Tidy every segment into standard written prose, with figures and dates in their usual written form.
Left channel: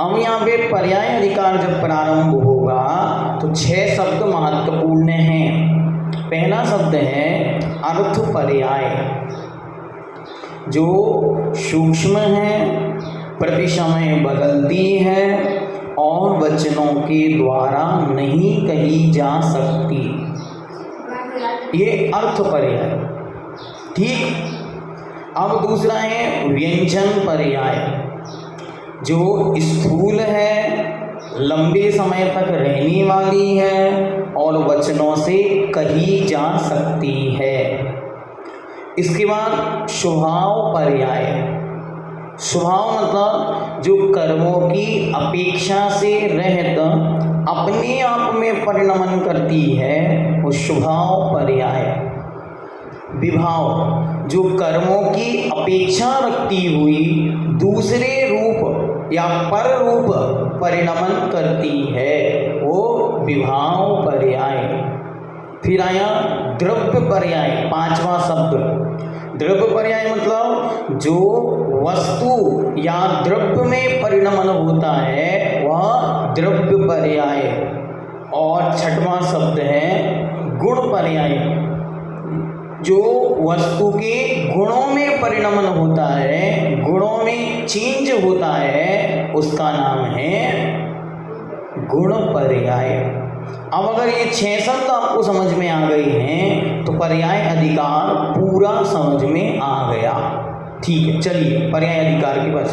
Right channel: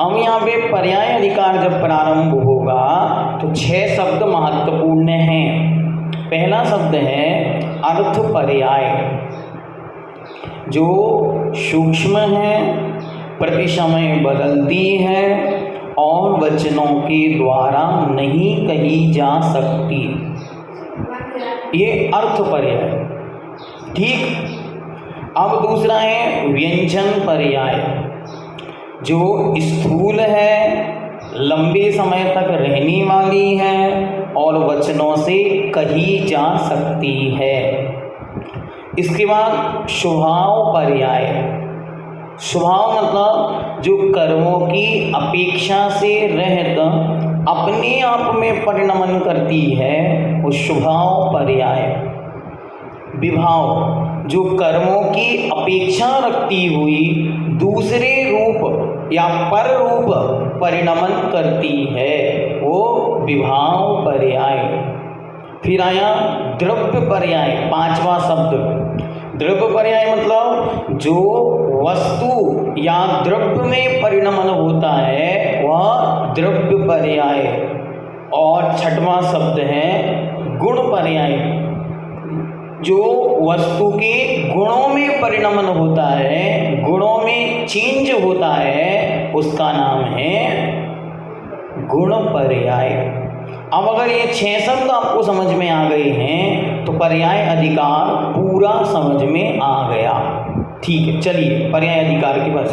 अब यहाँ पे पर्याय अधिकार जब प्रारंभ होगा तो 6 शब्द महत्वपूर्ण हैं। पहला शब्द है अर्थ पर्याय, जो सूक्ष्म है, प्रति समय बदलती है और वचनों के द्वारा नहीं कही जा सकती। ये अर्थ पर्याय। ठीक। अब दूसरा है व्यंजन पर्याय, जो स्थूल है, लंबे समय तक रहने वाली है और वचनों से कही जा सकती है। इसके बाद स्वभाव पर्याय। स्वभाव मतलब जो कर्मों की अपेक्षा से रहित अपने आप में परिणमन करती है, वो स्वभाव पर्याय। विभाव, जो कर्मों की अपेक्षा रखती हुई दूसरे रूप या पर रूप परिणमन करती है, वो विभाव पर्याय। फिर आया द्रव्य पर्याय, 5वां शब्द। द्रव्य पर्याय मतलब जो वस्तु या द्रव्य में परिणमन होता है वह द्रव्य पर्याय। और 6वां शब्द है गुण पर्याय, जो वस्तु के गुणों में परिणमन होता है, गुणों में चेंज होता है, उसका नाम है गुण पर्याय। अब अगर ये 6 शब्द आपको समझ में आ गए हैं तो पर्याय अधिकार पूरा समझ में आ गया। ठीक है, चलिए पर्याय अधिकार के पास।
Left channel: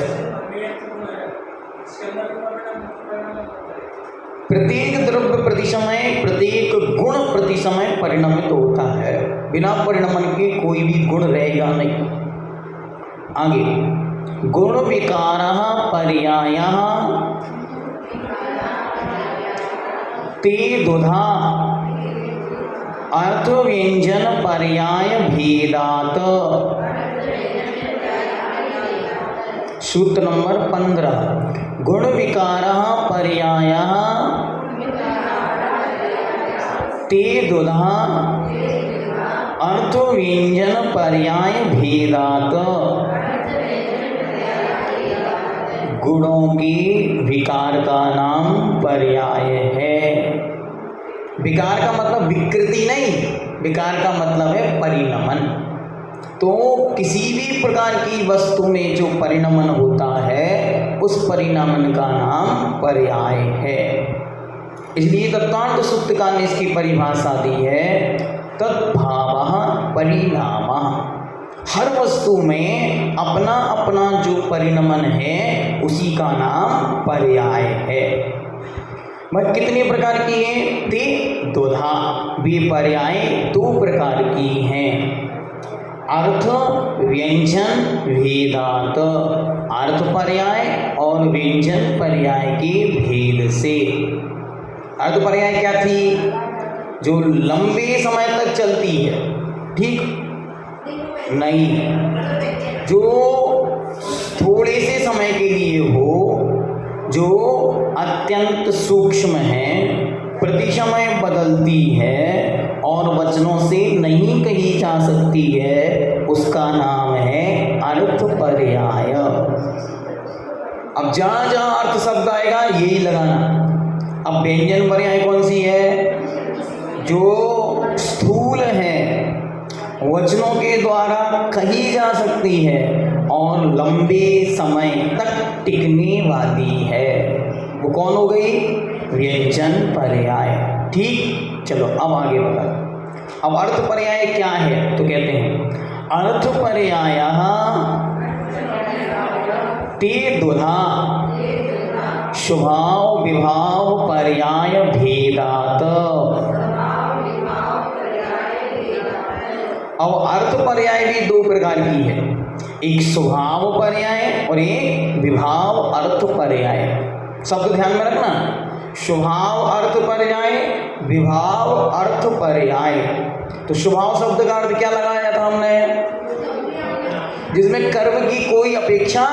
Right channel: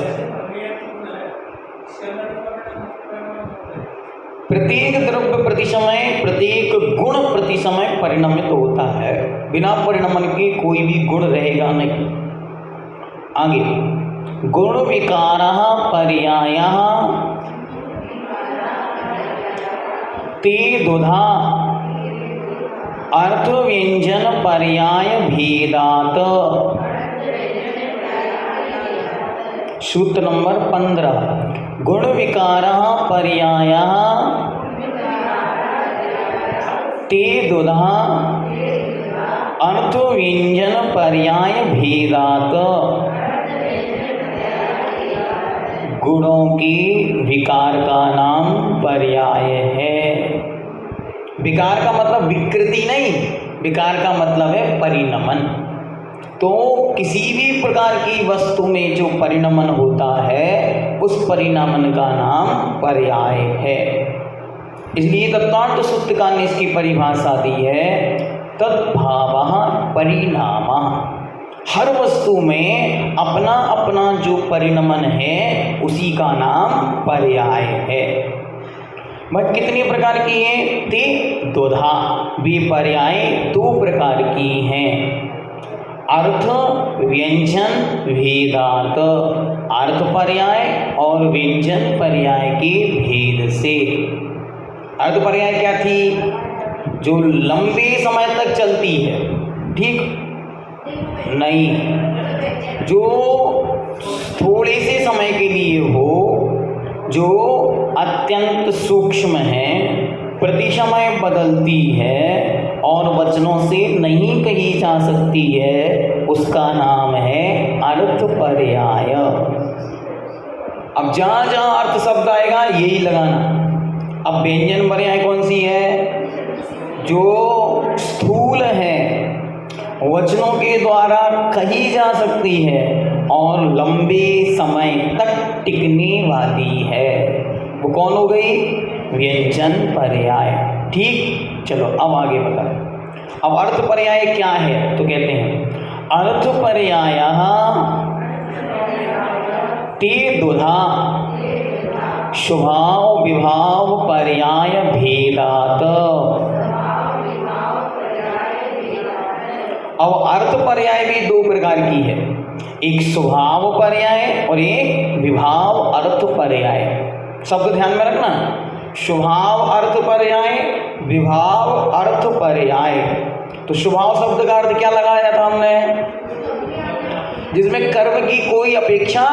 प्रत्येक द्रव्य प्रति समय, प्रत्येक गुण प्रति समय परिणमित होता है। बिना परिणमन के कोई भी गुण रहेगा नहीं। आगे गुण विकारः पर्यायः ते दुधा अर्थ व्यंजन पर्याय भेदात। सूत्र नंबर 15। गुण विकारः पर्यायः ते दुधा अर्थ व्यंजन पर्याय भेदात। गुणों के विकार का नाम पर्याय है। विकार का मतलब विकृति नहीं, विकार का मतलब है परिणमन। तो किसी भी प्रकार की वस्तु में जो परिणमन होता है उस परिणमन का नाम पर्याय है। इसलिए तत्वार्थ सूत्रकार ने इसकी परिभाषा दी है तद्भावः परिणामः। हर वस्तु में अपना अपना जो परिणमन है उसी का नाम पर्याय है। वह कितने प्रकार की है? ते दुधा। वे पर्याय 2 प्रकार की हैं। अर्थ व्यंजन भेदात। अर्थ पर्याय और व्यंजन पर्याय के भेद से। अर्थ पर्याय क्या थी? जो लंबे समय तक चलती है। ठीक नहीं, जो थोड़े से समय के लिए हो, जो अत्यंत सूक्ष्म है, प्रति समय बदलती है और वचनों से नहीं कही जा सकती है, उसका नाम है अर्थ पर्याय। अब जहां जहां अर्थ शब्द आएगा यही लगाना। अब व्यंजन पर्याय कौन सी है? जो स्थूल है, वचनों के द्वारा कही जा सकती है और लंबे समय तक टिकने वाली है, वो कौन हो गई? व्यंजन पर्याय। ठीक, चलो अब आगे बढ़ो। अब अर्थ पर्याय क्या है? तो कहते हैं अर्थ पर्यायः ते दुधा स्वभाव विभाव पर्याय भेदात। अब अर्थ पर्याय भी 2 प्रकार की है, एक स्वभाव पर्याय और एक विभाव अर्थ पर्याय। शब्द ध्यान में रखना, स्वभाव अर्थ पर्याय, विभाव अर्थ पर्याय। तो स्वभाव शब्द का अर्थ क्या लगाया था हमने? जिसमें कर्म की कोई अपेक्षा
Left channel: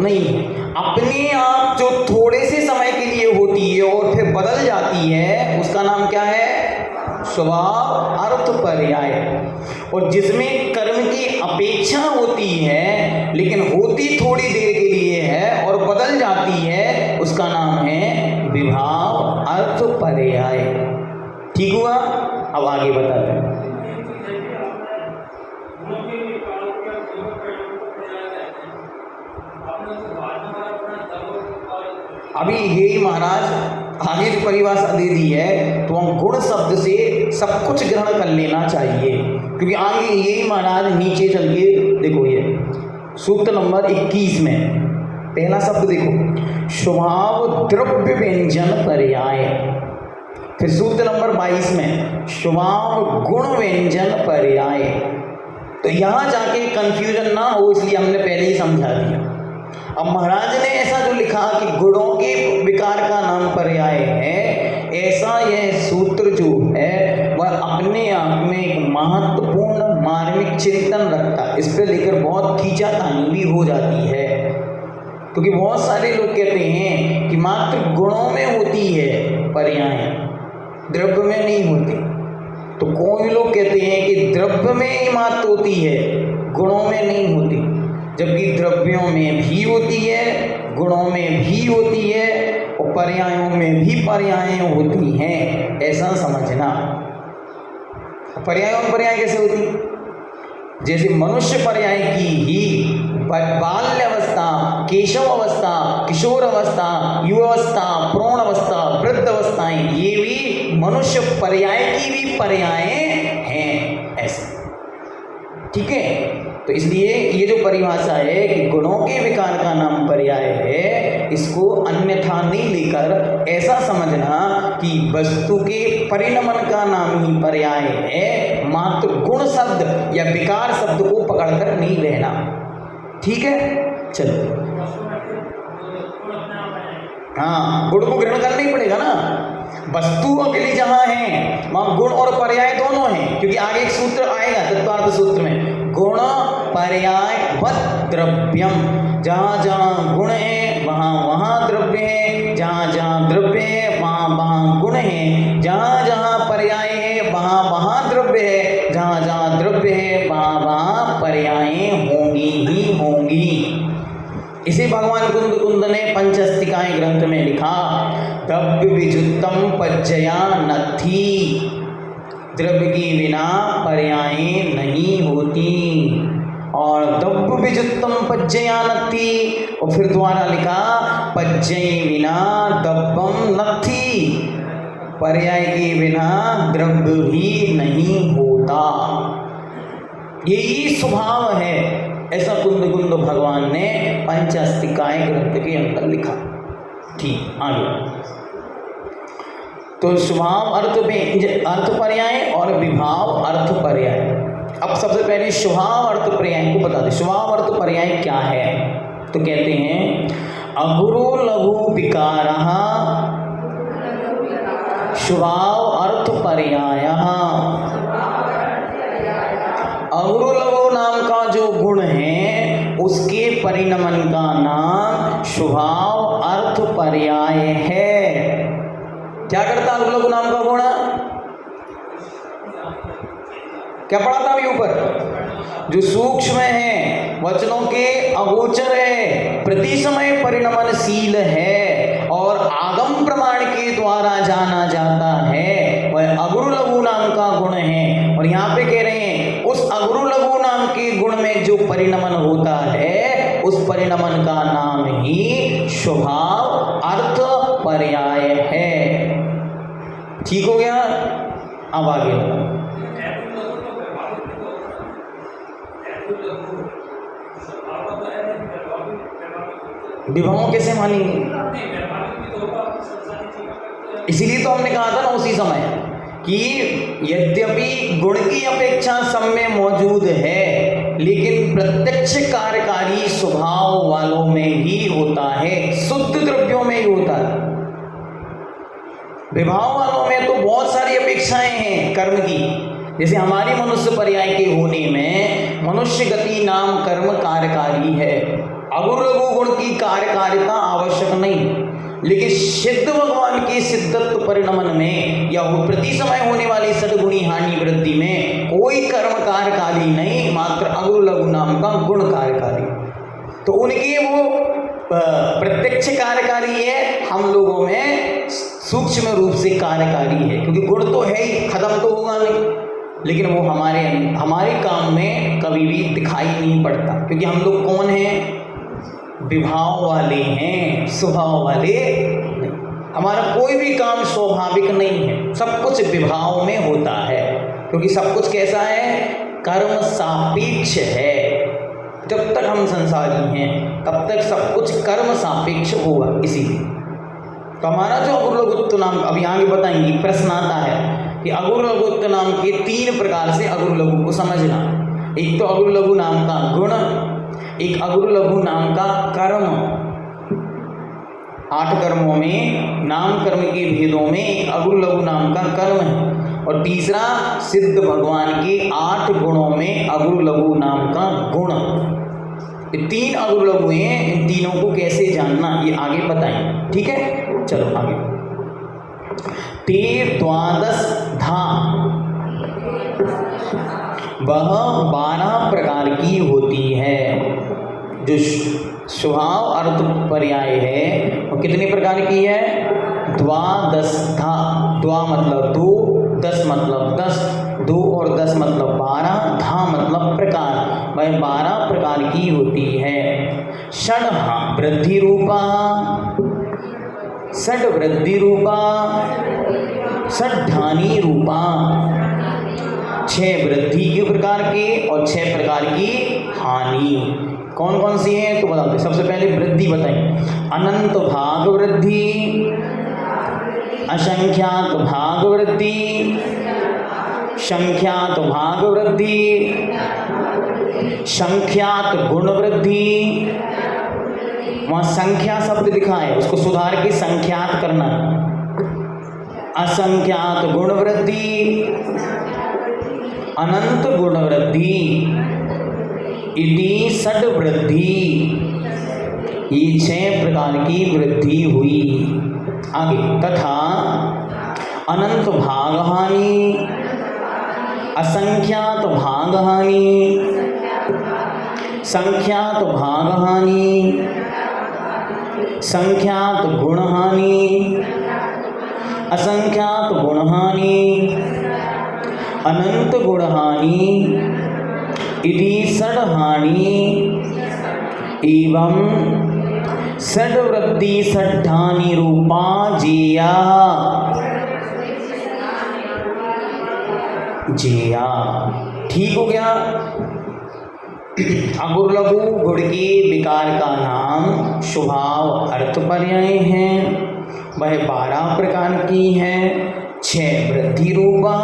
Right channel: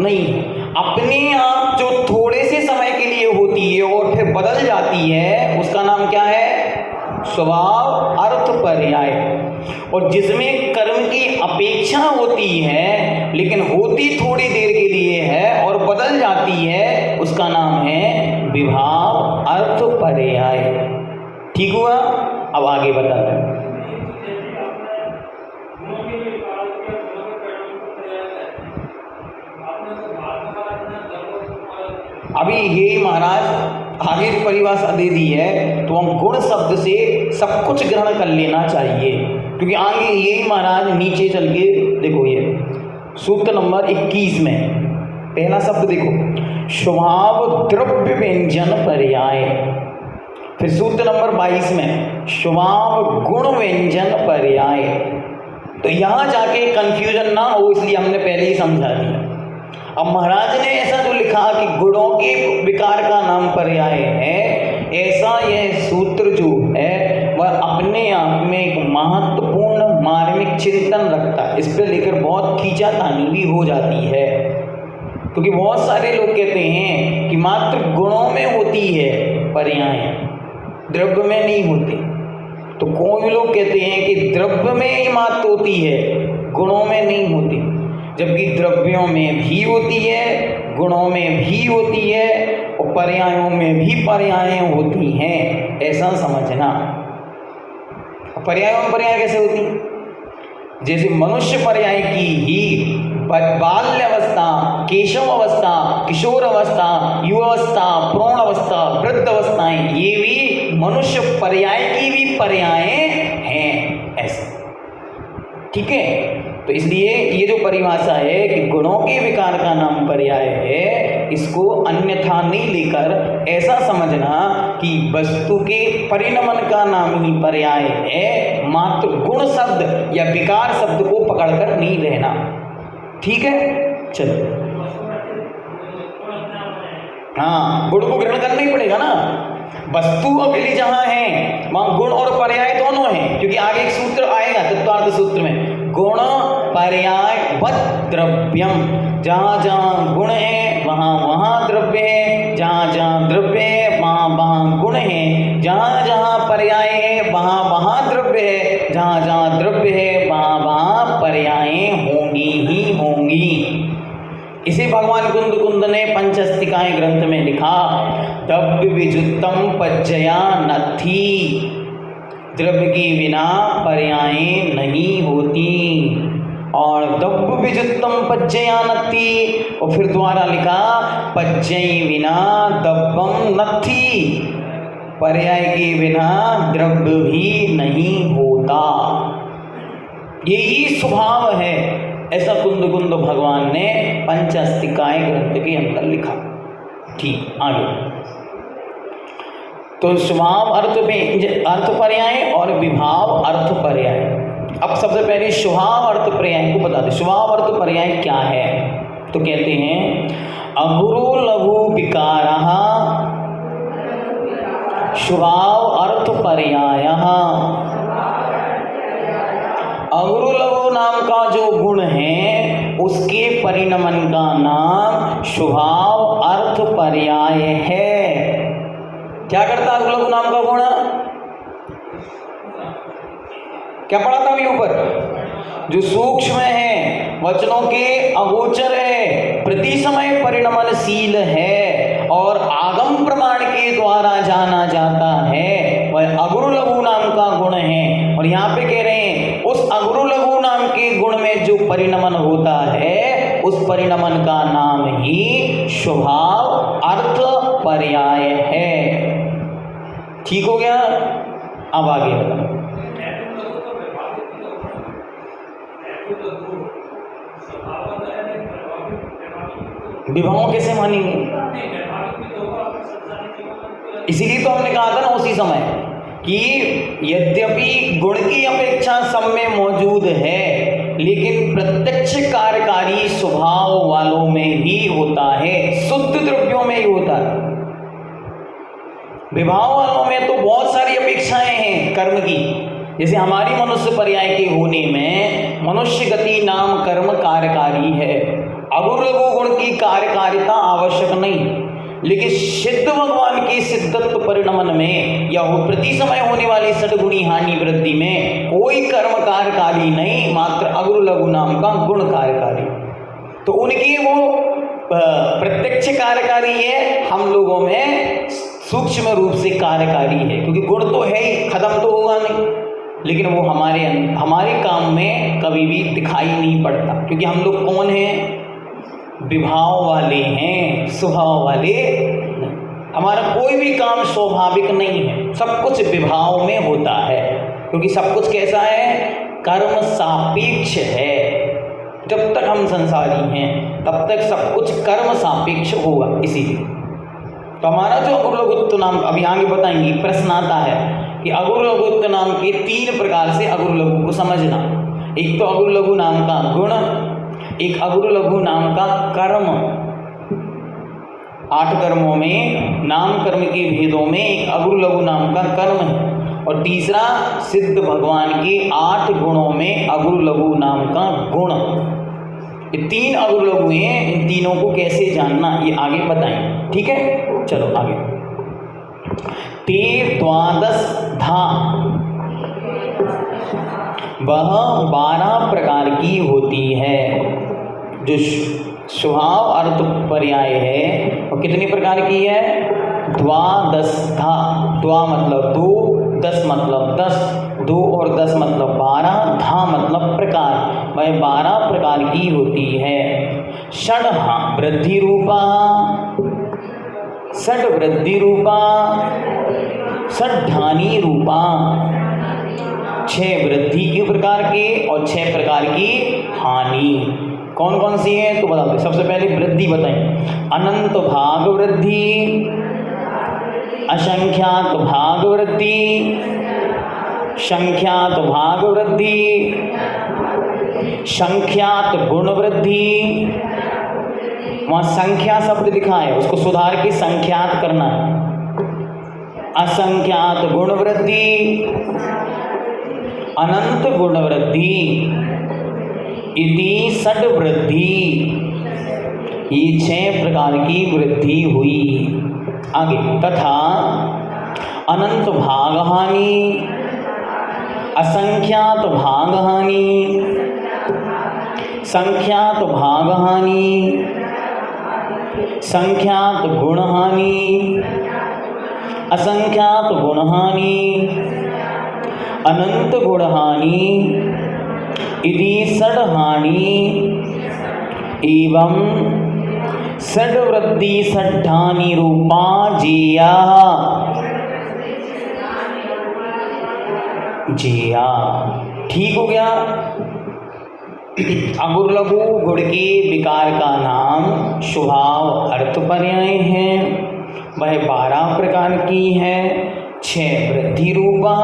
नहीं, अपने आप जो थोड़े से समय के लिए होती है और फिर बदल जाती है, उसका नाम क्या है? स्वभाव अर्थ पर्याय। और जिसमें कर्म की अपेक्षा होती है लेकिन होती थोड़ी देर के लिए है और बदल जाती है, उसका नाम है विभाव अर्थ पर्याय। ठीक हुआ? अब आगे बताते हैं। अभी यही महाराज आगे जो परिभाषा दे दी है, तो हम गुण शब्द से सब कुछ ग्रहण कर लेना चाहिए, क्योंकि आगे यही महाराज नीचे चल के देखो, ये सूत्र नंबर 21 में पहला शब्द देखो, स्वभाव द्रव्य व्यंजन पर्याय। फिर सूत्र नंबर 22 में स्वभाव गुण व्यंजन पर्याय। तो यहां जाके कंफ्यूजन ना हो, इसलिए हमने पहले ही समझा दिया। अब महाराज ने ऐसा जो लिखा कि गुणों के विकार का नाम पर्याय है, ऐसा यह सूत्र जो है वह अपने आप में एक महत्वपूर्ण मार्मिक चिंतन रखता है। इस पे लेकर बहुत खींचातानी भी हो जाती है, क्योंकि बहुत सारे लोग कहते हैं कि मात्र गुणों में होती है पर्याय, द्रव्य में नहीं होती। तो कोई लोग कहते हैं कि द्रव्य में ही मात्र होती है, गुणों में नहीं होती, जबकि द्रव्यों में भी होती है, गुणों में भी होती है और पर्यायों में भी पर्याय होती हैं, ऐसा समझना। पर्यायों में पर्याय कैसे होती? जैसे मनुष्य पर्याय की ही बाल्यावस्था, केशव अवस्था, किशोर अवस्था, युवावस्था, प्रौढ़ अवस्था, वृद्ध अवस्थाएं, ये भी मनुष्य पर्याय की भी पर्याय हैं, ऐसे। ठीक है? तो इसलिए ये जो परिभाषा है कि गुणों के विकार का नाम पर्याय है, इसको अन्यथा नहीं लेकर ऐसा समझना कि वस्तु के परिणमन का नाम ही पर्याय है, मात्र गुण शब्द या विकार शब्द को पकड़कर नहीं रहना। ठीक है? चलो, हाँ, गुण को ग्रहण करना ही पड़ेगा ना। वस्तुओं के लिए जहां है वहां गुण और पर्याय दोनों हैं, क्योंकि आगे एक सूत्र आएगा तत्वार्थ सूत्र में, गुण पर्याय वत् द्रव्यम। जहां जहां गुण है वहां वहां द्रव्य है, जहां जहां द्रव्य है वहां वहां गुण है, जहां जहां पर्याय है वहां वहां द्रव्य है, जहां जहां द्रव्य है वहां वहां पर्याय होंगी ही होंगी। इसे भगवान कुंद ने पंचस्तिकाएं ग्रंथ में लिखा, द्रव्य विजुत्तम पज्जया नथी, द्रव्य के बिना पर्याय नहीं होती। और द्रव्य विजुत्तम पज्जया नथी, और फिर द्वारा लिखा पज्जय बिना द्रव्यम नथी, पर्याय के बिना द्रव्य भी नहीं होता। यही स्वभाव है, ऐसा कुंद भगवान ने पंचस्तिकाएं ग्रंथ के अंदर लिखा। ठीक, आगे तो स्वभाव अर्थ पर्याय और विभाव अर्थ पर्याय। अब सबसे पहले स्वभाव अर्थ पर्याय को बता दें। स्वभाव अर्थ पर्याय क्या है? तो कहते हैं, अगुरु लघु विकारः स्वभाव अर्थ पर्याय। अगुरु लघु नाम का जो गुण है उसके परिणमन का नाम स्वभाव अर्थ पर्याय है। क्या करता है अगुरु लघु नाम का गुण? क्या पढ़ा था अभी ऊपर? जो सूक्ष्म है, वचनों के अगोचर है, प्रति समय परिणमनशील है और आगम प्रमाण के द्वारा जाना जाता है, वह अगुरु लघु नाम का गुण है। और यहाँ पे कह रहे हैं उस अगुरु लघु नाम के गुण में जो परिणमन होता है, उस परिणमन का नाम ही स्वभाव अर्थ पर्याय है। ठीक हो गया? अब आगे विभाव कैसे मानेंगे? इसीलिए तो हमने कहा था ना उसी समय कि यद्यपि गुण की अपेक्षा सब में मौजूद है, लेकिन प्रत्यक्ष कार्यकारी स्वभाव वालों में ही होता है, शुद्ध द्रव्यों में ही होता है। विभाव वालों में तो बहुत सारी अपेक्षाएं हैं कर्म की, जैसे हमारी मनुष्य पर्याय के होने में मनुष्य गति नाम कर्म कार्यकारी है। अगुरु लघु गुण की कार्यकारिता आवश्यक नहीं, लेकिन सिद्ध भगवान के सिद्धत्व परिणमन में या वो प्रति समय होने वाली सद्गुणी हानि वृद्धि में कोई कर्म कार्यकारी नहीं, मात्र अगुरु लघु नाम का गुण कार्यकारी। तो उनकी वो प्रत्यक्ष कार्यकारी है स्वभाव वाले नहीं। हमारा कोई भी काम स्वाभाविक नहीं है, सब कुछ विभाव में होता है, क्योंकि सब कुछ कैसा है, कर्म सापेक्ष है। जब तक हम संसारी हैं तब तक सब कुछ कर्म सापेक्ष होगा। इसीलिए तो हमारा जो अगुर लघुत्व नाम, अभी आगे बताएंगे, प्रश्न आता है कि अगुर लघुत्व नाम के 3 प्रकार से अगुर लघु को समझना। एक तो अगुर लघु नाम का गुण, एक अगुर लघु नाम का कर्म, 8 कर्मों में नाम कर्म के भेदों में एक अगुर लघु नाम का कर्म है, और तीसरा सिद्ध भगवान के 8 गुणों में अगुर लघु नाम का गुण। ये 3 अगुर लघु हैं, इन तीनों को कैसे जानना ये आगे बताएं। ठीक है, चलो आगे। ते द्वादश धा, वह 12 प्रकार की होती है। जो स्वभाव अर्थ पर्याय है वो कितने प्रकार की है, द्वादश धा। द्वा मतलब 2, 10 मतलब 10, 2 और 10 मतलब 12, धा मतलब प्रकार, वह 12 प्रकार की होती है। षड वृद्धि रूपा, षड वृद्धि रूपा, षड्धानी रूपा, 6 वृद्धि के प्रकार के और 6 प्रकार की हानि। कौन कौन सी है तो बता दो। सबसे पहले वृद्धि बताएं। अनंत भाग वृद्धि, असंख्यात भाग वृद्धि, संख्यात भाग वृद्धि, संख्यात गुण वृद्धि। वहां संख्या शब्द लिखा है, उसको सुधार के संख्यात करना। असंख्यात गुण वृद्धि, अनंत गुण वृद्धि, इति षड वृद्धि। ये 6 प्रकार की वृद्धि हुई। आगे, तथा अनंत भाग हानि, असंख्यात भाग हानि, संख्यात भाग हानि, संख्यात गुण हानि, असंख्यात गुण हानि, अनंत गुण हानि, इति षड हानि एवं षड वृद्धि षड्धानि रूपा जेया। जेया ठीक हो गया। अगुर लघु गुण के विकार का नाम स्वभाव अर्थ पर्याय है। वह 12 प्रकार की है। 6 वृद्धि रूपा,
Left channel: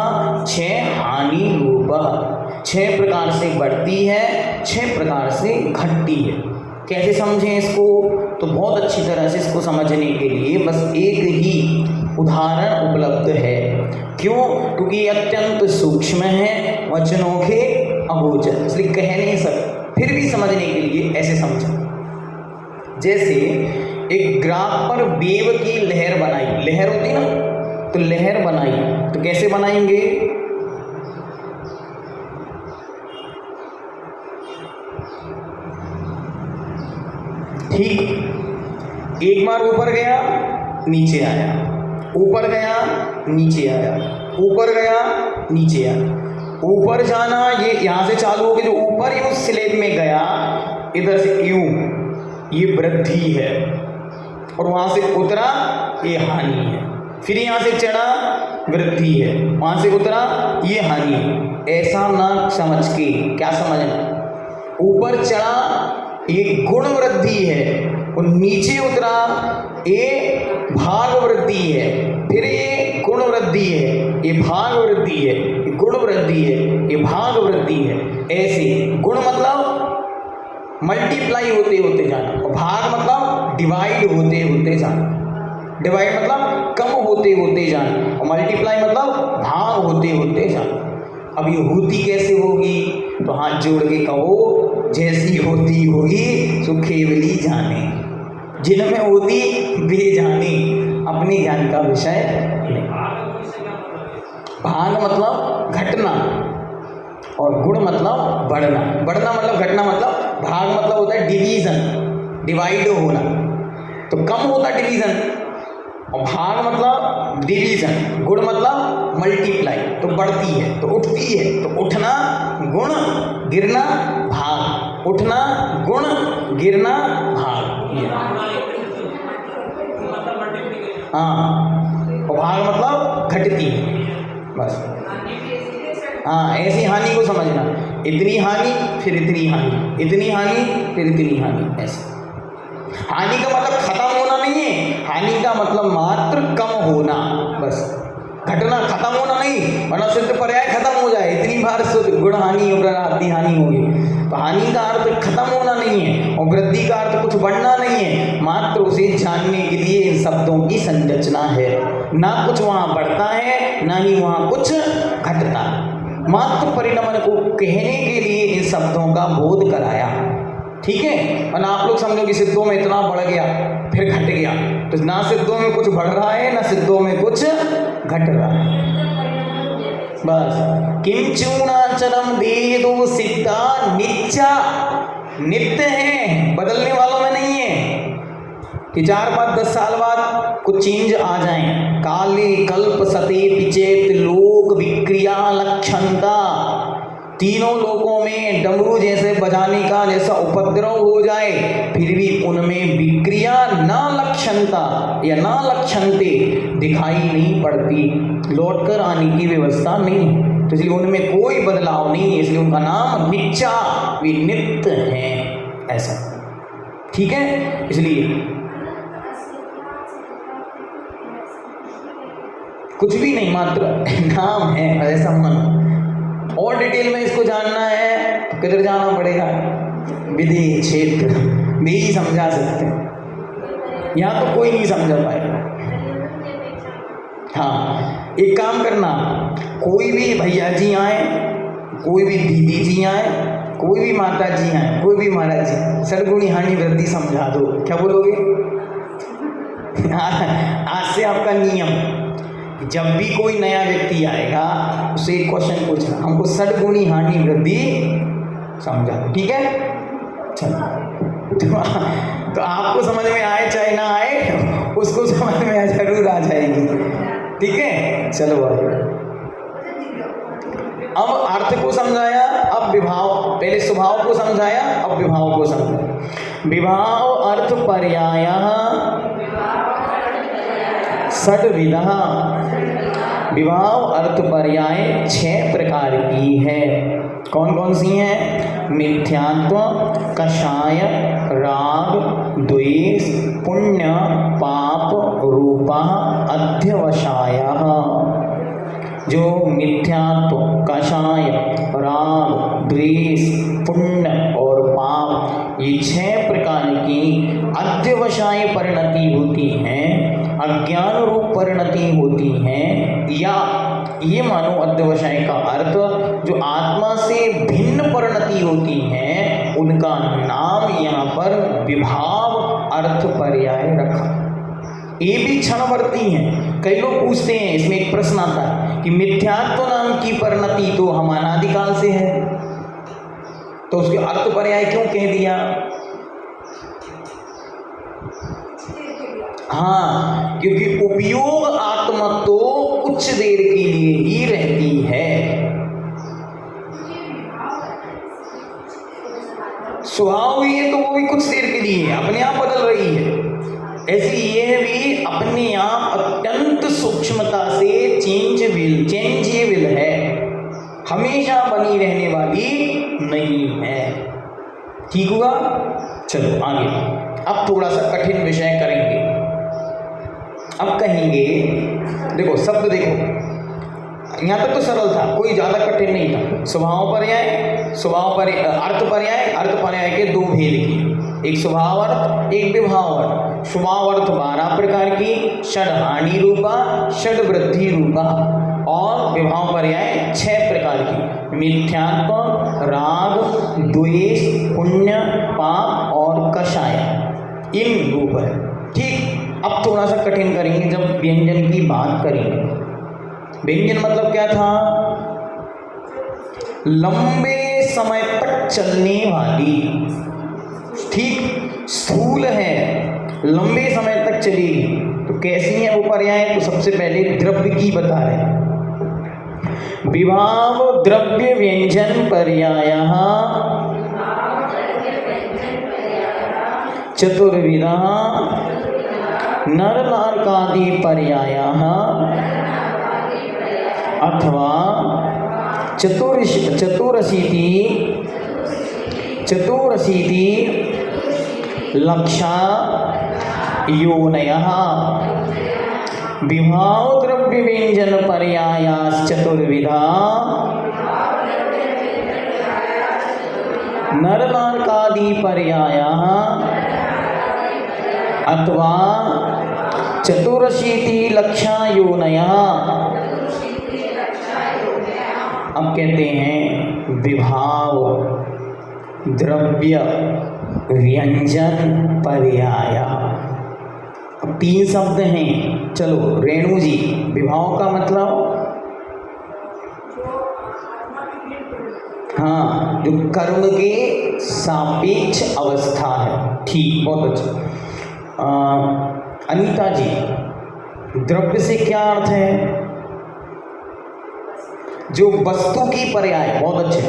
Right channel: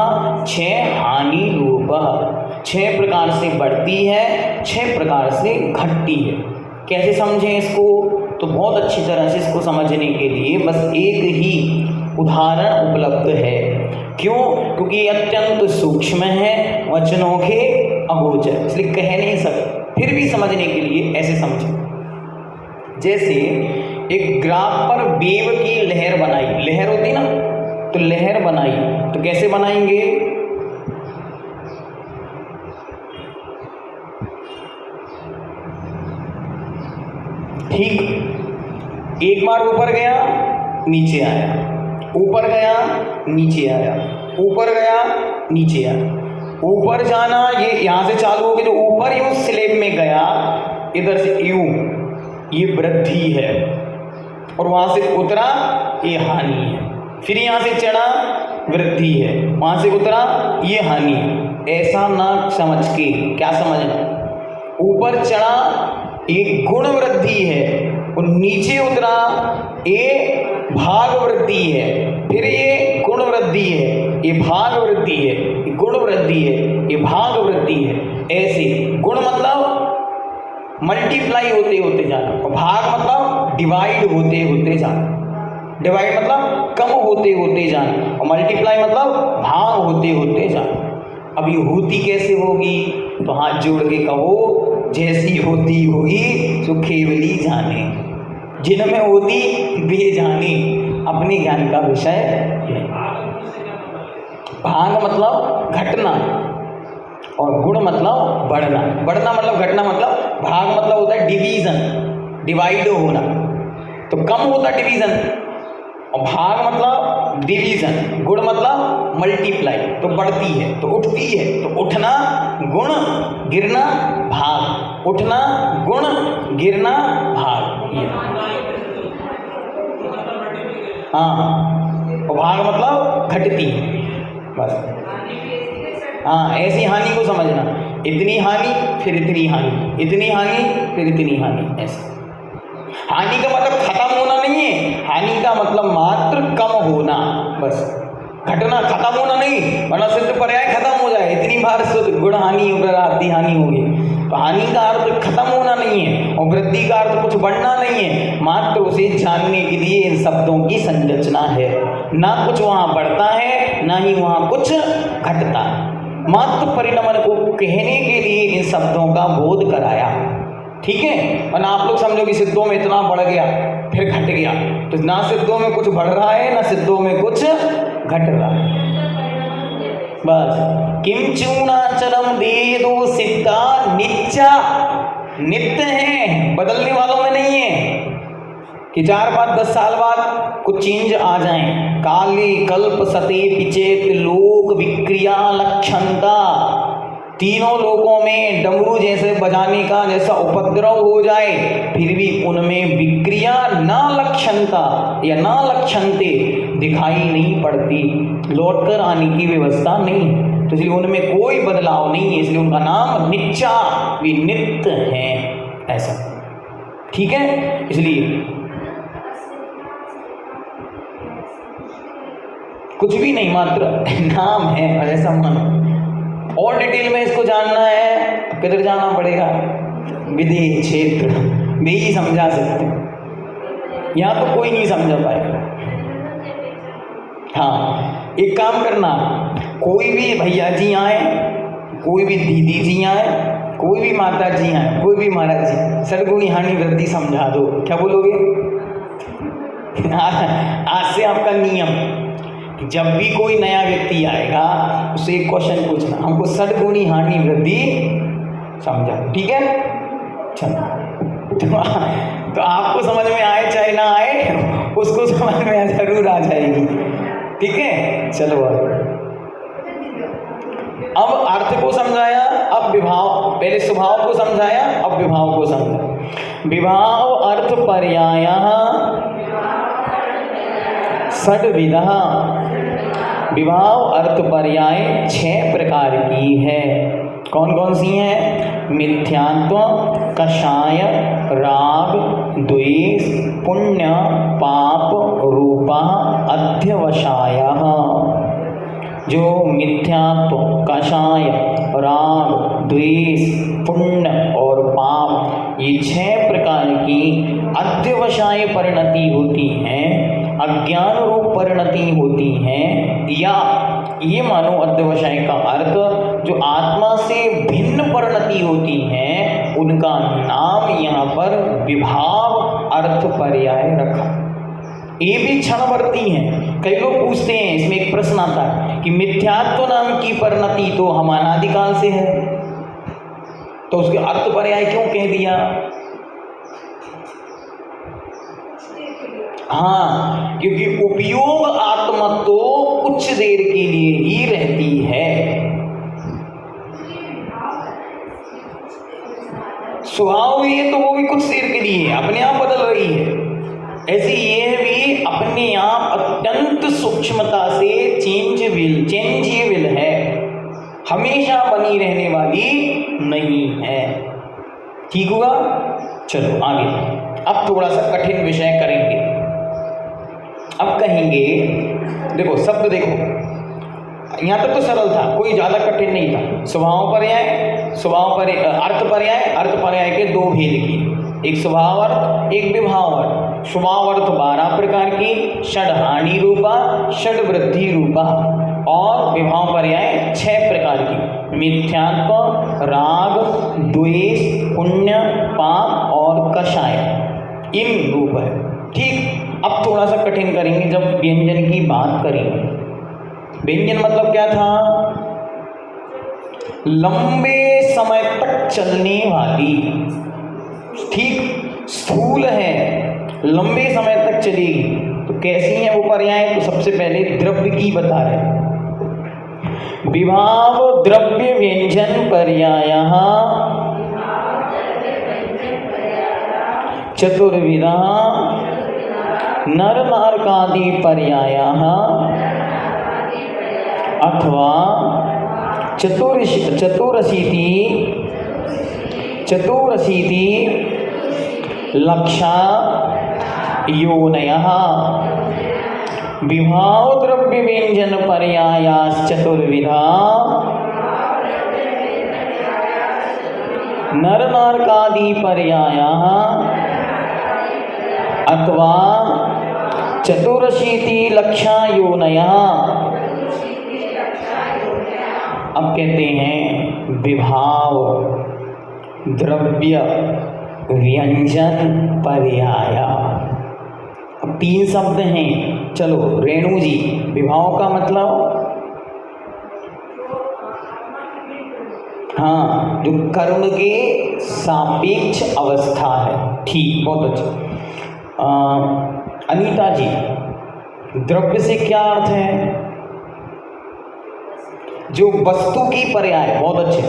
6 हानि रूपा। 6 प्रकार से बढ़ती है, 6 प्रकार से घटती है। कैसे समझें इसको, तो बहुत अच्छी तरह से इसको समझने के लिए बस एक ही उदाहरण उपलब्ध है। क्यों? क्योंकि ये अत्यंत सूक्ष्म है, वचनों के अगोचर, इसलिए कह नहीं सकते। फिर भी समझने के लिए ऐसे समझें, जैसे एक ग्राफ पर वेव की लहर बनाई, लहर होती ना, तो लहर बनाई तो कैसे बनाएंगे, ठीक, एक बार ऊपर गया नीचे आया, ऊपर गया नीचे आया, ऊपर गया नीचे आया। ऊपर जाना ये यहाँ से चालू हो के जो ऊपर यूं स्लेब में गया, इधर से यूं, ये वृद्धि है, और वहां से उतरा ये हानि है। फिर यहाँ से चढ़ा वृद्धि है, वहां से उतरा ये हानि है। ऐसा ना समझ के, क्या समझना, ऊपर चढ़ा ये गुण वृद्धि है, और नीचे उतरा ये भाग वृद्धि है। फिर ये गुण वृद्धि है, ये भाग वृद्धि है, ये गुण वृद्धि है, ये भाग वृद्धि है। ऐसे गुण मतलब मल्टीप्लाई होते होते जाना, और भाग मतलब डिवाइड होते होते जाना। डिवाइड मतलब कम होते होते जाना, और मल्टीप्लाई मतलब भाग होते होते जाना। अब ये होती कैसे होगी, तो हाथ जोड़ के कहो, जैसी होती होगी सो केवली जाने, जिनमें होती वे जाने, अपने ज्ञान का विषय नहीं। भाग मतलब घटना, और गुण मतलब बढ़ना। बढ़ना मतलब घटना, मतलब भाग मतलब होता है डिवीजन, डिवाइड होना, तो कम होता है डिवीजन, और भाग मतलब डिवीजन, गुण मतलब मल्टीप्लाई, तो बढ़ती है, तो उठती है, तो उठना गुण, गिरना भाग, उठना गुण, गिरना भाग। ये हाँ, भाग मतलब घटती, बस। हाँ, ऐसी हानि को समझना, इतनी हानि फिर इतनी हानि, इतनी हानि फिर इतनी हानि, ऐसे। हानि का मतलब खत्म होना नहीं है, हानि का मतलब मात्र कम होना, बस। घटना खत्म होना नहीं, वरना सिद्ध पर्याय खत्म हो जाए, इतनी बार गुण हानि और आदि हानि होगी। तो हानि का अर्थ खत्म होना नहीं है और वृद्धि का अर्थ कुछ बढ़ना नहीं है, मात्र उसे जानने के लिए इन शब्दों की संरचना है। ना कुछ वहां बढ़ता है, ना ही वहां कुछ घटता, मात्र परिणमन को कहने के लिए इन शब्दों का बोध कराया, ठीक है। और आप लोग समझो कि सिद्धों में इतना बढ़ गया फिर घट गया, तो ना सिद्धों में कुछ बढ़ रहा है, ना सिद्धों में कुछ घट रहा है, बस। किंचूणाचलम देदो सिद्धा नित्या, नित्य है, बदलने वालों में नहीं है कि 4, 5, 10 साल बाद कुछ चेंज आ जाए। काले कल्प सते पिचेत लोक विक्रिया लक्षणता, तीनों लोकों में डमरू जैसे बजाने का जैसा उपद्रव हो जाए, फिर भी उनमें विक्रिया ना लक्षणता या ना लक्षणते दिखाई नहीं पड़ती, लौटकर आने की व्यवस्था नहीं, तो इसलिए उनमें कोई बदलाव नहीं है, इसलिए उनका नाम नित्या, वे नित्य हैं, ऐसा, ठीक है। इसलिए कुछ भी नहीं, मात्र नाम है, ऐसा मन। और डिटेल में इसको जानना है तो किधर जाना पड़ेगा, विधि क्षेत्र में ही समझा सकते हैं, यहाँ तो कोई नहीं समझा पाएगा। हाँ, एक काम करना, कोई भी भैया जी आए, कोई भी दीदी जी आए, कोई भी माता जी आए, कोई भी महाराज जी, सद्गुणी हानि वृद्धि समझा दो, क्या बोलोगे? आज से आपका नियम कि जब भी कोई नया व्यक्ति आएगा उससे एक क्वेश्चन पूछना, हमको सद्गुणी हानि वृद्धि समझा, ठीक है। चलो, तो आपको समझ में आए चाहे ना आए, उसको समझ में जरूर आ जाएगी, ठीक है। चलो अब अर्थ को समझाया, अब विभाव, पहले स्वभाव को समझाया, अब विभाव को समझाया। विभाव अर्थ पर्याय षड्विधा, विभाव अर्थ पर्याय 6 प्रकार की है। कौन कौन सी हैं? मिथ्यात्व, कषाय, राग, द्वेष, पुण्य, पाप, रूपा, अध्यवसाय। जो मिथ्यात्व, कषाय, राग, द्वेष, पुण्य और पाप, ये 6 प्रकार की अध्यवसाय परिणति होती हैं, अज्ञान रूप परिणति होती हैं, या ये मानो अध्यवसाय का अर्थ जो आत्मा से भिन्न परिणति होती हैं, उनका नाम यहाँ पर विभाव अर्थ पर्याय रखा। ये भी क्षणवर्ती हैं। कई लोग पूछते हैं, इसमें एक प्रश्न आता है कि मिथ्यात्व नाम की परिणति तो हम अनादिकाल से है, तो उसके अर्थ पर्याय क्यों कह दिया? हाँ, क्योंकि उपयोग आत्मा तो कुछ देर के लिए ही रहती है, स्वभाव ये तो वो भी कुछ देर के लिए अपने आप बदल रही है, ऐसी ये भी अपने आप अत्यंत सूक्ष्मता से चेंजेबल है, हमेशा बनी रहने वाली नहीं है, ठीक हुआ। चलो आगे, अब थोड़ा सा कठिन विषय करेंगे। अब कहेंगे, देखो शब्द देखो, यहाँ तक तो सरल था, कोई ज्यादा कठिन नहीं था। स्वभाव पर्याय, अर्थ पर्याय, अर्थ पर्याय के 2 भेद किए, एक स्वभाव अर्थ, एक विभाव अर्थ। स्वभाव अर्थ 12 प्रकार की, षड हानि रूपा, षड वृद्धि रूपा, और विभाव पर्याय 6 प्रकार की, मिथ्यात्व, राग, द्वेष, पुण्य, पाप और कषाय, इन रूप है, ठीक। अब थोड़ा सा कठिन करेंगे जब व्यंजन की बात करेंगे। व्यंजन मतलब क्या था? लंबे समय तक चलने वाली, ठीक, स्थूल है, लंबे समय तक चलेगी, तो कैसी है वो पर्याय? तो सबसे पहले द्रव्य की बता रहे, विभाव द्रव्य व्यंजन पर्यायः चतुर्विधा नर नारकादि पर्यायाः अथवा चतुरशीति लक्षा योनयः विभाव द्रव्य व्यंजन पर्यायाश्चतुर्विधा नर नारकादि पर्यायाः अथवा चतुरशीति लक्षा योनयः। अब कहते हैं विभाव द्रव्य व्यंजन पर्याय। अब 3 शब्द हैं। चलो रेणु जी, विभाव का मतलब हाँ, जो कर्म के सापेक्ष अवस्था है। ठीक, बहुत अच्छा। अनीता जी, द्रव्य से क्या अर्थ है? जो वस्तु की पर्याय। बहुत अच्छे।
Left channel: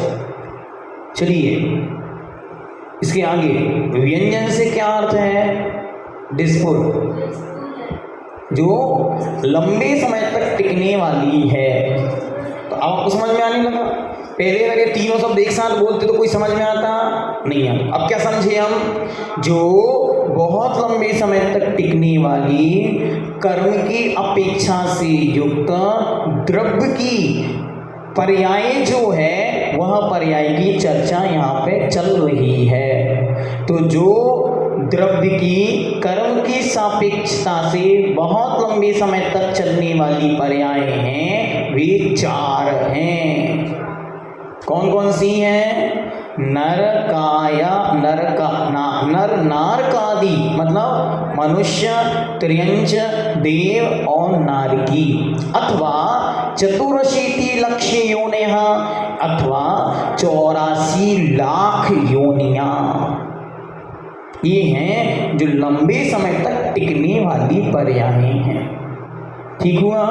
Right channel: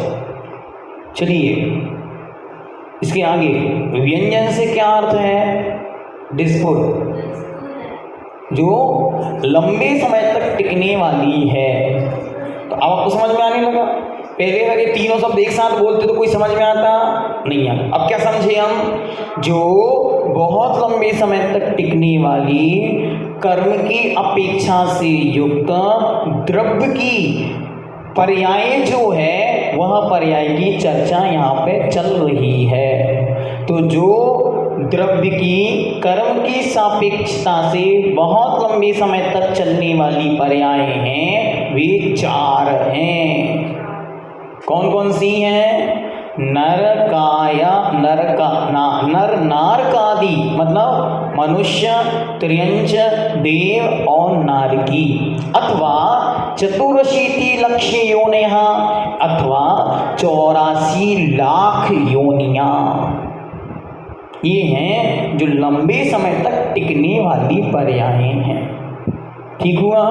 चलिए इसके आगे व्यंजन से क्या अर्थ है? डिस्पुर, जो लंबे समय तक टिकने वाली है। तो अब आपको समझ में आने लगा? पहले अगर ये तीनों शब्द एक साथ बोलते तो कोई समझ में आता नहीं आता। अब क्या समझे हम? जो बहुत लंबे समय तक टिकने वाली कर्म की अपेक्षा से युक्त द्रव्य की पर्याय जो है, वह पर्याय की चर्चा यहाँ पे चल रही है। तो जो द्रव्य की कर्म की सापेक्षता से बहुत लंबे समय तक चलने वाली पर्याय हैं, वे 4 हैं। कौन कौन सी हैं? नर नारकादि मतलब मनुष्य, त्रियंच, देव और नारकी। अथवा चतुरशीति लक्ष्य योनिः अथवा 84 लाख योनियां। ये हैं जो लंबे समय तक टिकने वाली पर्याय हैं। ठीक हुआ?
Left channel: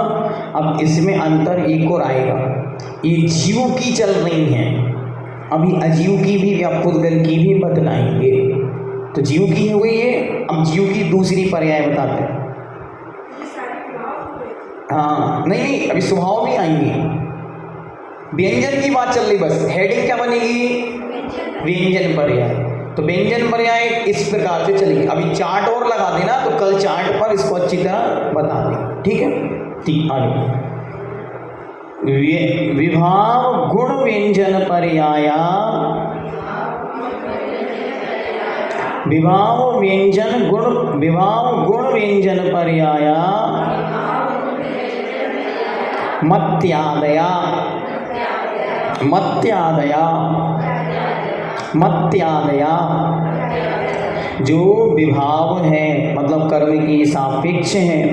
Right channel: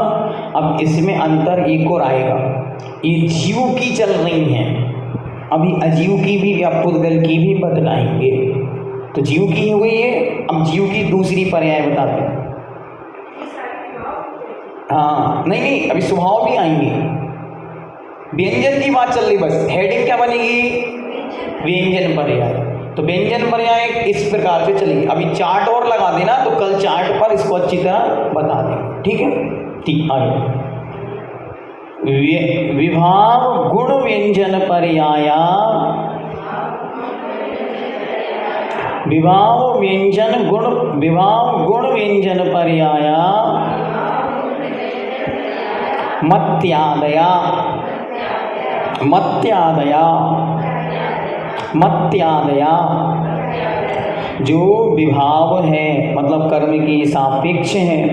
अब इसमें अंतर एक और आएगा। ये जीव की चल रही हैं, अभी अजीव की भी या पुद्गल की भी बतलाएंगे। तो जीव की हो गई है, अब जीव की दूसरी पर्याय बताते हैं। हाँ, नहीं, अभी स्वभाव भी आएंगे। व्यंजन की बात चल रही, बस हेडिंग क्या बनेगी? व्यंजन पर्याय। तो व्यंजन पर्याय इस प्रकार से चलेगी। अभी चार्ट और लगा देना, तो कल चार्ट पर इसको अच्छी तरह बता दें। ठीक है? ठीक, आगे विभाव गुण व्यंजन पर्याय। विभाव गुण व्यंजन पर्याय मत्यादया। जो विभाव है मतलब कर्म की सापेक्ष हैं,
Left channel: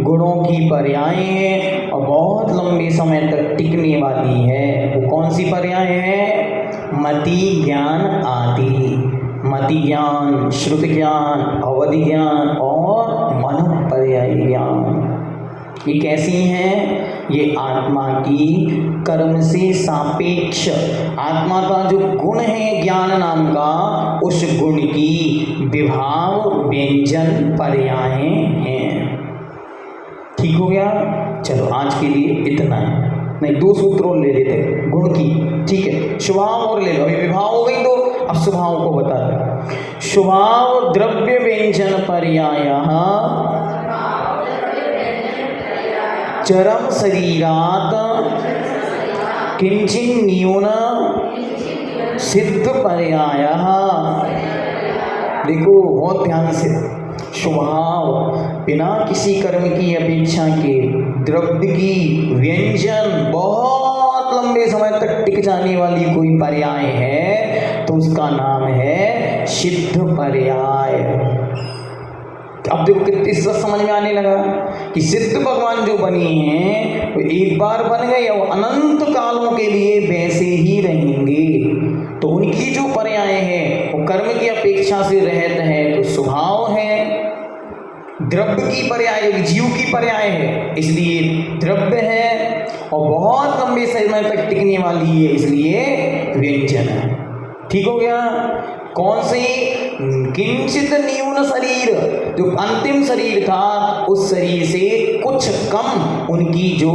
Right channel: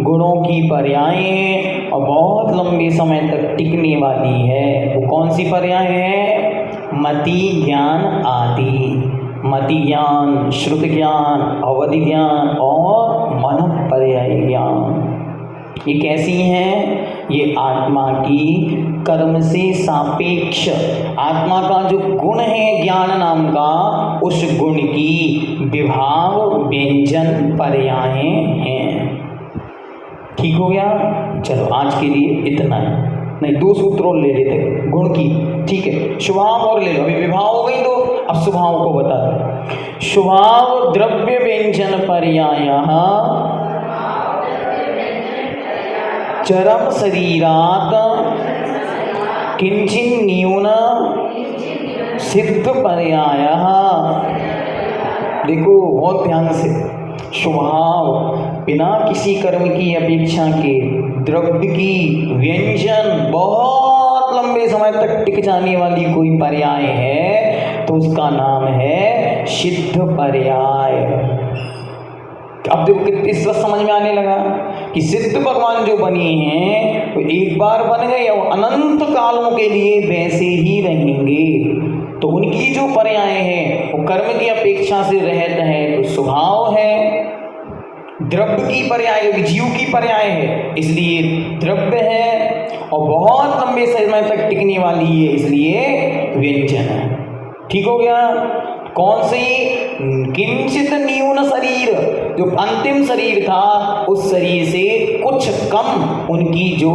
गुणों की पर्याय हैं और बहुत लंबे समय तक टिकने वाली है। वो कौन सी पर्याय है? मति ज्ञान आदि। मति ज्ञान, श्रुति ज्ञान, अवधि ज्ञान और मन पर्याय ज्ञान। ये कैसी हैं? ये आत्मा की कर्म से सापेक्ष, आत्मा का जो गुण है ज्ञान नाम का, उस गुण की विभाव व्यंजन पर्याय हैं। ठीक हो गया? चलो आज के लिए इतना है। नहीं, 2 सूत्र और ले लेते गुण की। ठीक है, स्वभाव और ले लो। अभी विभाव हो गई, तो अब स्वभाव को बता दो। स्वभाव द्रव्य व्यंजन पर्यायः चरम शरीरात किंचिन न्यून सिद्ध पर्यायः। देखो बहुत ध्यान से, स्वभाव बिना किसी कर्म की अपेक्षा के द्रव्य की व्यंजन बहुत लंबे समय तक टिक जाने वाली कोई पर्याय है तो उसका नाम है सिद्ध पर्याय। अब देखो कितनी समझ में आने लगा कि सिद्ध भगवान जो बने हैं वो एक बार बन गए और अनंत कालों के लिए वैसे ही रहेंगे। तो उनकी जो पर्याय है वो कर्म की अपेक्षा से रहता है तो स्वभाव है, द्रव्य की पर्याय जीव की पर्याय है इसलिए द्रव्य है, और बहुत लंबे समय तक टिकने वाली है इसलिए व्यंजन है। ठीक हो गया? कौन सी? किंचित न्यून शरीर, जो अंतिम शरीर था उस शरीर से कुछ कम उनकी जो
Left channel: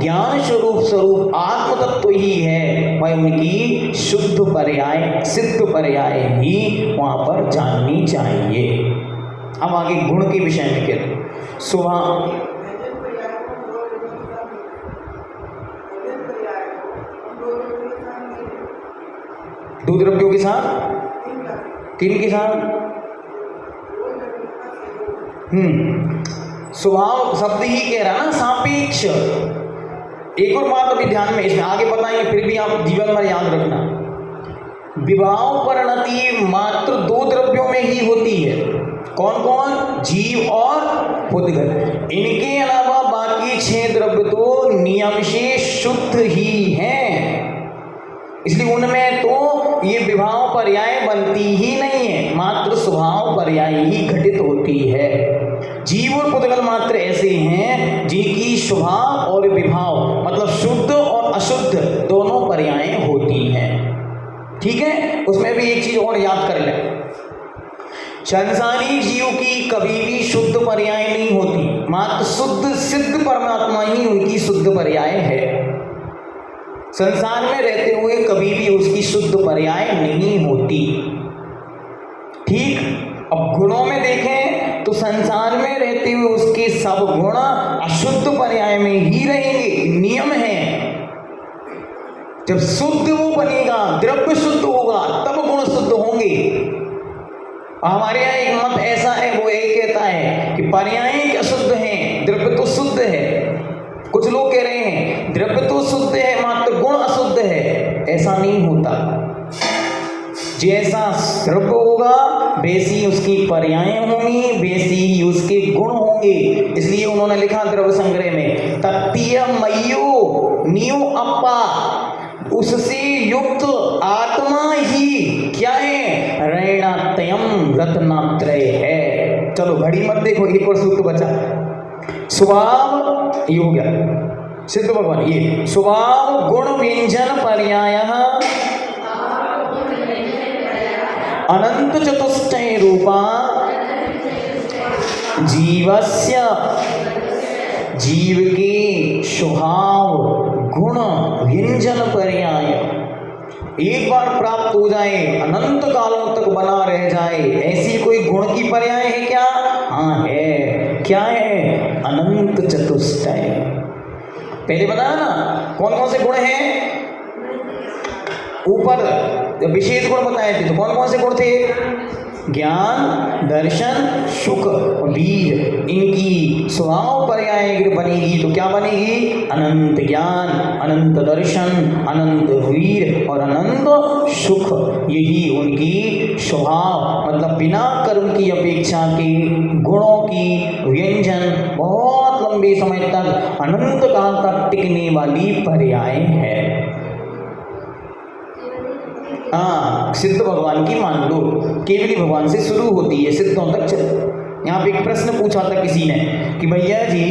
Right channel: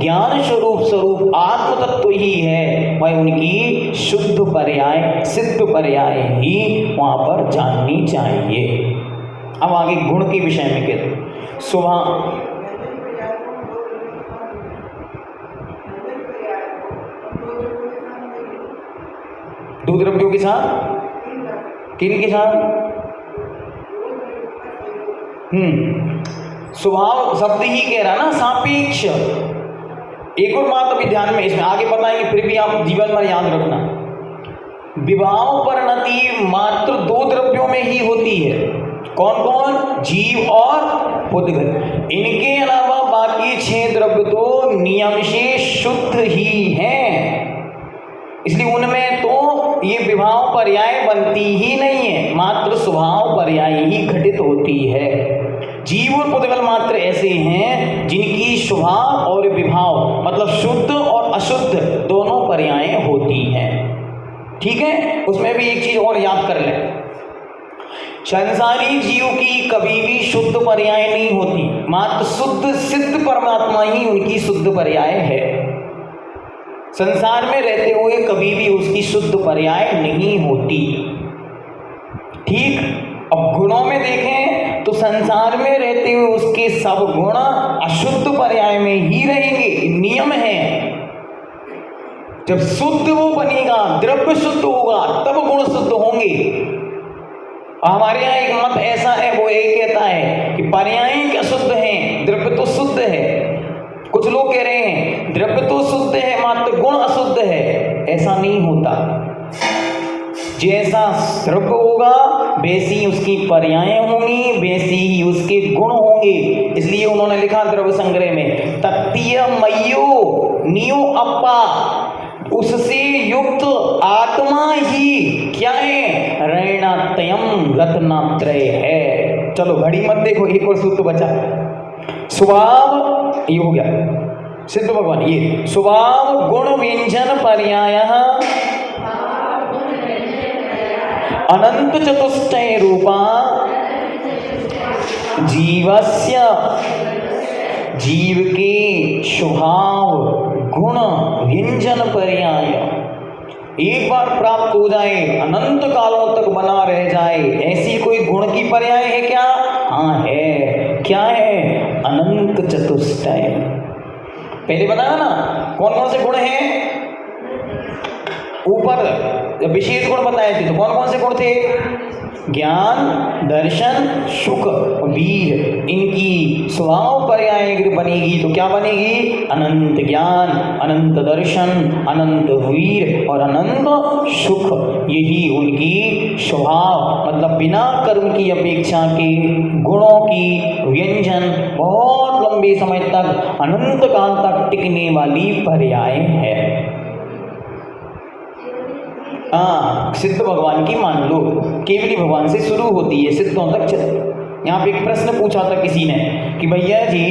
ज्ञान स्वरूप आत्म तत्व ही है, वह उनकी शुद्ध पर्याय सिद्ध पर्याय ही वहां पर जाननी चाहिए। अब आगे गुण के विषय में कहते सुबह दो द्रव्यों के साथ, तीन के साथ, स्वभाव शब्द ही कह रहा ना सापेक्ष। एक और बात अभी ध्यान में, इसमें आगे बताएंगे, फिर भी आप जीवन भर याद रखना, विवाह परिणति मात्र दो द्रव्यों में ही होती है। कौन कौन? जीव और पुद्गल। इनके अलावा बाकी 6 द्रव्य तो नियम से शुद्ध ही हैं, इसलिए उनमें तो ये विभाव पर्याय बनती ही नहीं है, मात्र स्वभाव पर्याय ही घटित होती है। जीव और पुद्गल मात्र ऐसे हैं जिनकी स्वभाव और विभाव मतलब शुद्ध और अशुद्ध दोनों पर्याय होती हैं। ठीक है, उसमें भी एक चीज और याद कर लें, संसारी जीव की कभी भी शुद्ध पर्याय नहीं होती, मात्र शुद्ध सिद्ध परमात्मा ही उनकी शुद्ध पर्याय है। संसार में रहते हुए कभी भी उसकी शुद्ध पर्याय नहीं होती। ठीक, अब गुणों में देखें तो संसार में रहते हुए उसके सब गुण अशुद्ध पर्याय में ही रहेंगे, नियम है। जब शुद्ध वो बनेगा, द्रव्य शुद्ध होगा, तब गुण शुद्ध होंगे। हमारे यहाँ एक मत ऐसा है, वो एक कहता है कि पर्याय अशुद्ध हैं, द्रव्य तो शुद्ध है। कुछ लोग कह रहे हैं द्रव्य तो शुद्ध है मात्र गुण अशुद्ध है। ऐसा नहीं होता, जैसा द्रव्य होगा वैसी उसकी पर्याय होंगी, वैसी ही उसके गुण होंगे। इसलिए उन्होंने लिखा द्रव्य संग्रह में, तत्तीय मयो नियो अप्पा, उससे युक्त आत्मा ही क्या है? ऋणात्रयम् रत्नात्रय है। चलो घड़ी मत देखो, एक और सूत्र बचा, स्वभाव ये हो गया सिद्ध भगवान, ये स्वभाव गुण व्यंजन पर्याय अनंत चतुष्टय रूपा जीवस्य, जीव के स्वभाव गुण व्यंजन पर्याय एक बार प्राप्त हो जाए, अनंत कालों तक बना रह जाए, ऐसी कोई गुण की पर्याय है क्या? हाँ है। क्या है? अनंत चतुष्टय। पहले बताया ना कौन कौन से गुण हैं, ऊपर विशेष गुण बताए थे, तो कौन कौन से गुण थे? ज्ञान, दर्शन, सुख, वीर। इनकी स्वभाव पर्याय बनेगी तो क्या बनेगी? अनंत ज्ञान, अनंत दर्शन, अनंत वीर और अनंत सुख। यही उनकी स्वभाव मतलब बिना कर्म की अपेक्षा के गुणों की व्यंजन बहुत लंबे समय तक अनंत काल तक टिकने वाली पर्याय है। हाँ, सिद्ध भगवान की मान लो, केवली भगवान से शुरू होती है, सिद्धों तक चल। यहाँ पे एक प्रश्न पूछा था किसी ने कि भैया जी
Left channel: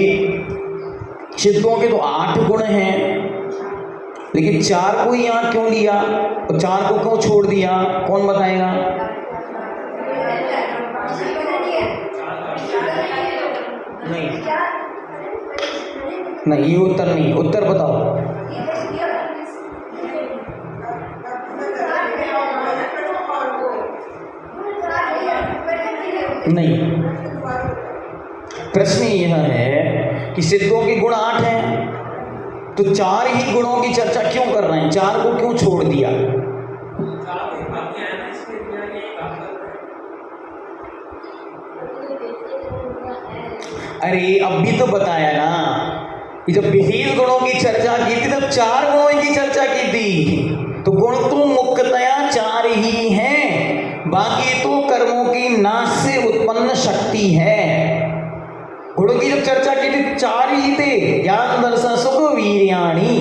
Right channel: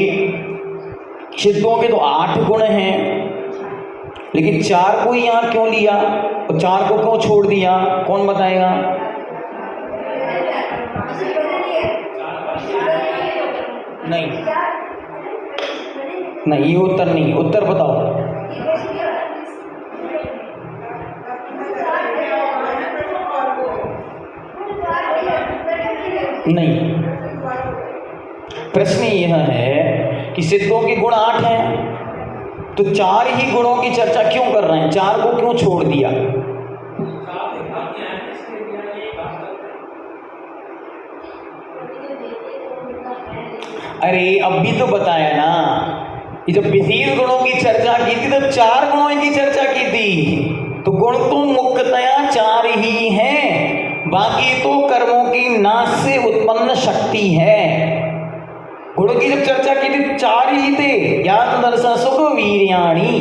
सिद्धों के तो 8 गुण हैं, लेकिन 4 को यहाँ क्यों लिया और 4 को क्यों छोड़ दिया? कौन बताएगा? नहीं नहीं, ये उत्तर नहीं, उत्तर बताओ। नहीं, प्रश्न यह है कि सिद्धों के गुण 8 हैं, तो 4 ही गुणों की चर्चा क्यों कर रहे हैं? 4 को क्यों छोड़ दिया? अरे अब भी तो बताया ना, ये जब विशेष गुणों की चर्चा की थी तब 4 गुणों की चर्चा की थी, तो गुण तो मुख्यतया 4 ही हैं, बाकी तो कर्मों की नाश से उत्पन्न शक्ति है। गुणों की जब चर्चा की थी 4 ही थे, ज्ञान दर्शन सुख वीर्याणि,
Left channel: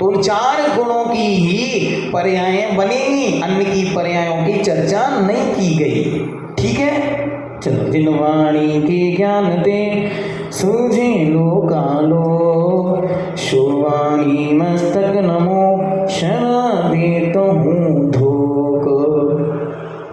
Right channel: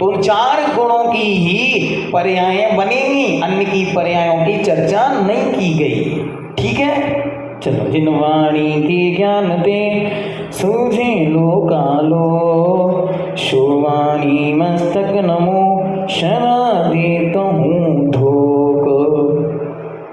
तो उन 4 गुणों की ही पर्याय बनेगी, अन्य की पर्यायों की चर्चा नहीं की गई। ठीक है, चलो। जिन वाणी के ज्ञान दे सूझे लोकालो, शोवाणी मस्तक नमो शरण देता हूँ